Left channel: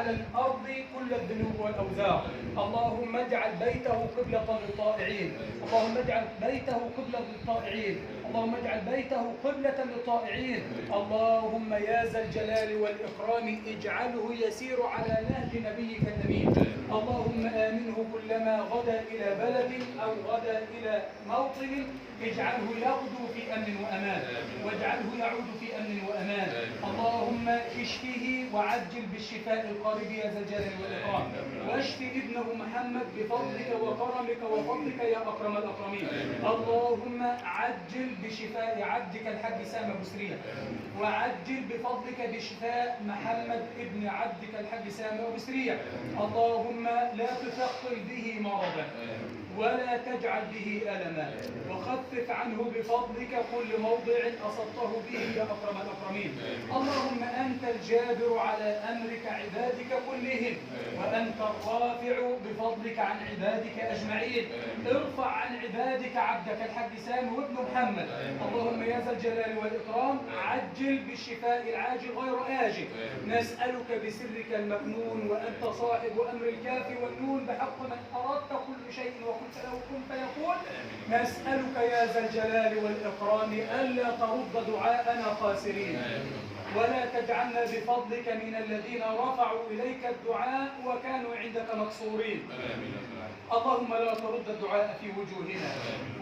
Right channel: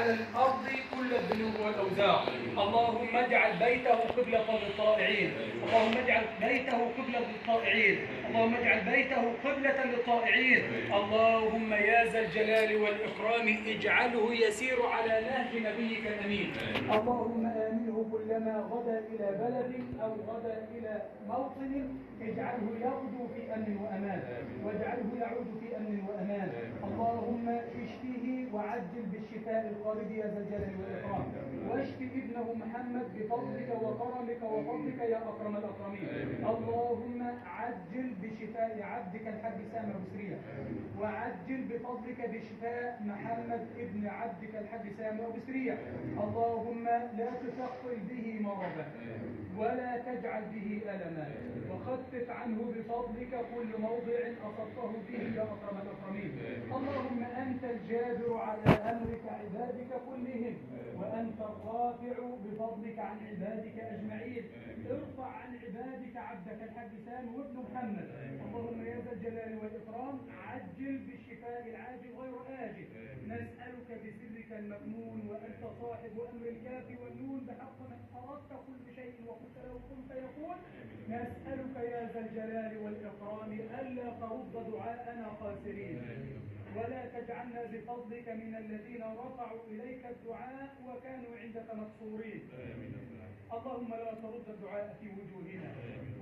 على الأرض كل الذنوب والأوزار. اللهم اجعل بيته قبلة للطائعين، اللهم اجعل بيته قبلة للطائعين، اللهم اجعل بيته قبلة للطائعين. اللهم يا ذا الجلال والإكرام اجعله يسير على نهج نبيك الأمين. اللهم آمنه كلما غدا إلى بلد أو غدا إلى موطن، اجعله يغدو في أمن وأمان، واجعله يعود في أمن وأمان. اللهم اشفه وعجل بالشفاء القريب يا ذا الجلال والإكرام، واشف ابنه محمد بفضلك وكرمك وفضلك يا أكرم الأكرمين. اللهم عجل بشفاء عبدك الحاج سامي أبو سريع، وعجل بفضلك بشفاء محمد ابن عبدك الحاج سامي أبو سريع. اللهم لا تثقل به مرضا ولا تجعل به ألما، وخفف عنه بفضلك كل موضع أصبته به يا أكرم الأكرمين. اللهم أنت الجابر على أمرك عبادك كلهم، وأنت الرافع بفضلك عن عبادك أجمعين. ارفع عن عبادك عبدك الحاج سامي وابن محمد. اللهم يا ذا الجلال والإكرام عجل بالشفاء العاجل غير آجل. نسألك بسرك المكنون وأنت صاحب أمر الكاف والنون بحق من أردت كل شيء وقلت له كن فيكون. نسألك يا ذا الجلال والإكرام ألا ترد دعاءنا خاسرين، ولا تجعلنا بفضلك من الذين رفعوا إليك الدعاء وكانوا عندك مقصورين. اللهم لا ترد الدعاء في وجوهنا،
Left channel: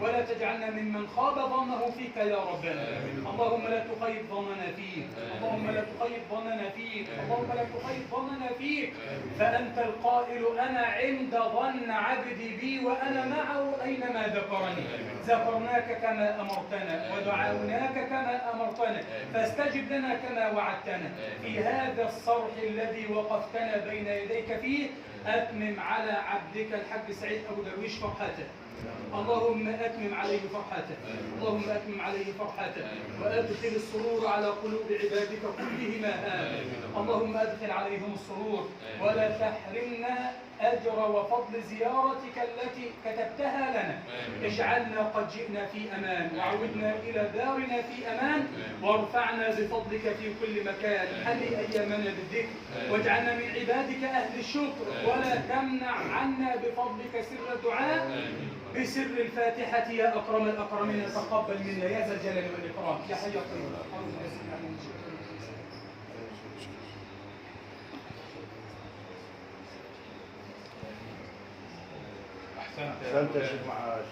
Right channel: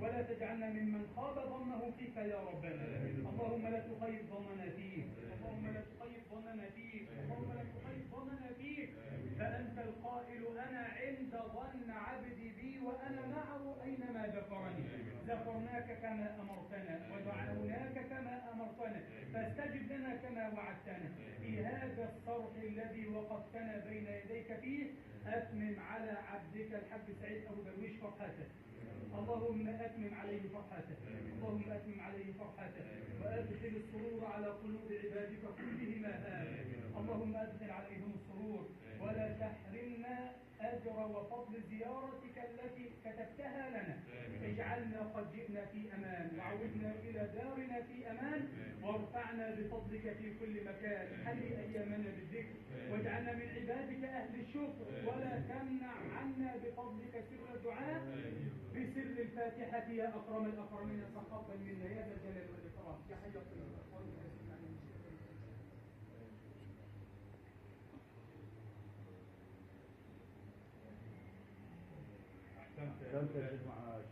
ولا تجعلنا ممن خاب ظنه فيك يا ربنا. اللهم لا تخيب ظننا فيك، اللهم لا تخيب ظننا فيك، اللهم لا تخيب ظننا فيك. فأنت القائل أنا عند ظن عبدي بي وأنا معه أينما ذكرني. ذكرناك كما أمرتنا ودعوناك كما أمرتنا، فاستجب لنا كما وعدتنا. في هذا الصرح الذي وقفتنا بين يديك فيه أتمم على عبدك الحاج سعيد أبو درويش فرحته. اللهم أتمم عليه فرحته، اللهم أتمم عليه فرحته، وأدخل السرور على قلوب عبادك كلهم آمين. اللهم أدخل عليهم السرور، ولا تحرمنا أجر وفضل زيارتك التي كتبتها لنا. اجعلنا قد جئنا في أمان، وعودنا إلى دارنا في أمان، وارفعنا بفضلك في كل مكان. حلي أيامنا بالذكر، واجعلنا من عبادك أهل الشكر، ولا تمنع عنا بفضلك سر الدعاء بسر الفاتحة يا أكرم الأكرمين. تقبل منا يا ذا الجلال والإكرام يا حي يا قيوم. أحسنت يا شيخ معاش.